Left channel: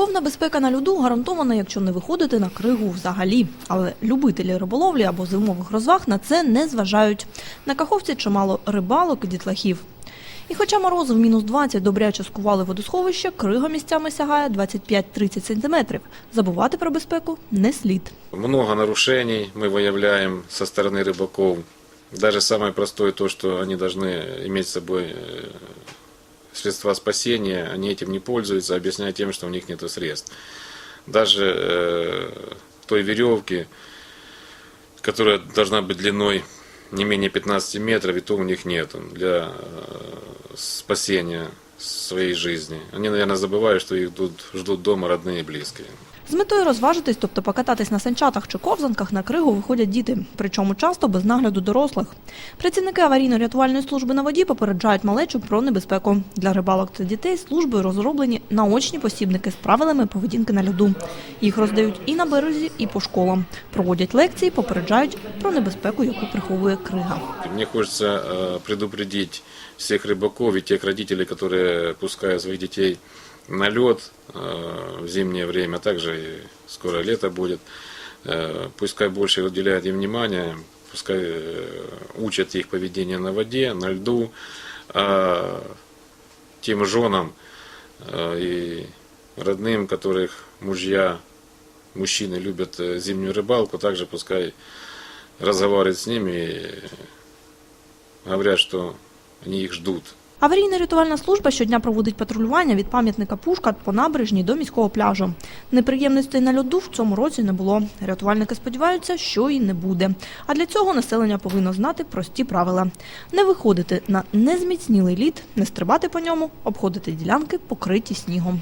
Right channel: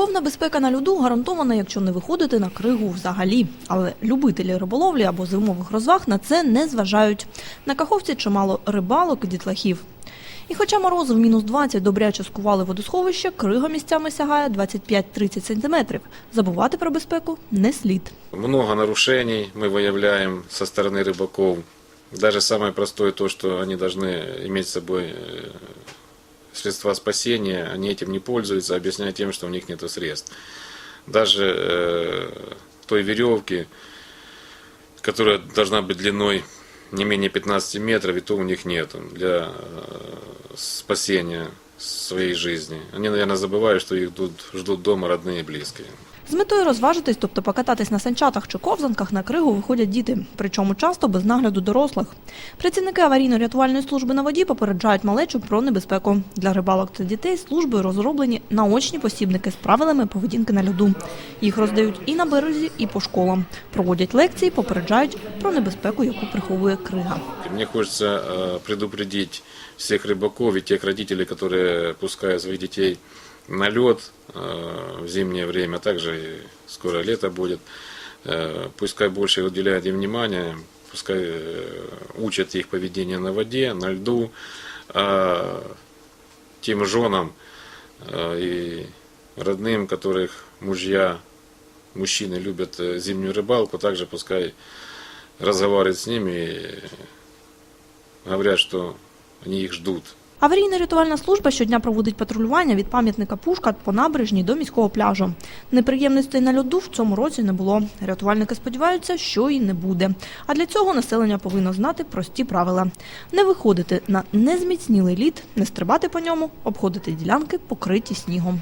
Повна безпека на льоду гарантована, якщо не виходити на кригу взагалі. Але любителі риболовлі або зимових розваг на це не зважають. На каховці чимало рибалок і дітлахів. І хоча морози в мінус 20 добряче скували водосховище, крига місцями сягає 25-30 сантиметрів. Забувати про безпеку не слід. много нарушений мы выявляем со стороны рыбаков. Даже самое простое то, что они должны иметь с собой э, средства спасения, они этим не пользуются, объясняя тем, что у них нет средств. Даже э, той веревки, которая должна быть длиной не менее 15 метров, это у них нет для э, спасения своей жизни. Они, наверное, забывают, что их ждут З метою розважитись, тобто покататись на санчатах чи ковзанках, на кригу виходять діти, причому часто без нагляду дорослих. Працівники аварійно-рятувальної служби на воді попереджають малечу про небезпеку. Для рибалок та дітей службою розроблені наочні посібники з правилами поведінки на льоду. Їх роздають і на березі, і по школам. Проводять лекції, попереджають про небезпеку, яку приховує крига. хочется э, предупредить всех рыбаков и тех родителей, которые отпускают своих детей на лед э, в зимнее время, Больше уделяли внимания, э, их поведение на воде, на льду. А тем женам э, и родным, которых мужья, мужчины любят э, зимнюю рыбалку, также пускай разговаривать с ними и говорят, что они их ждут. Аварійно-рятувальна служба щодня проводить патрулювання від пам'ятника Пушка по набережній до міського пляжу. Неприємностей на льоду в цьому році не було. Рятувальники сподіваються, що і не буде. А для цього населення повинно знати прості правила: не виходити на незміцнілий лід, не стрибати по ньому, обходити ділянки, покриті снігом.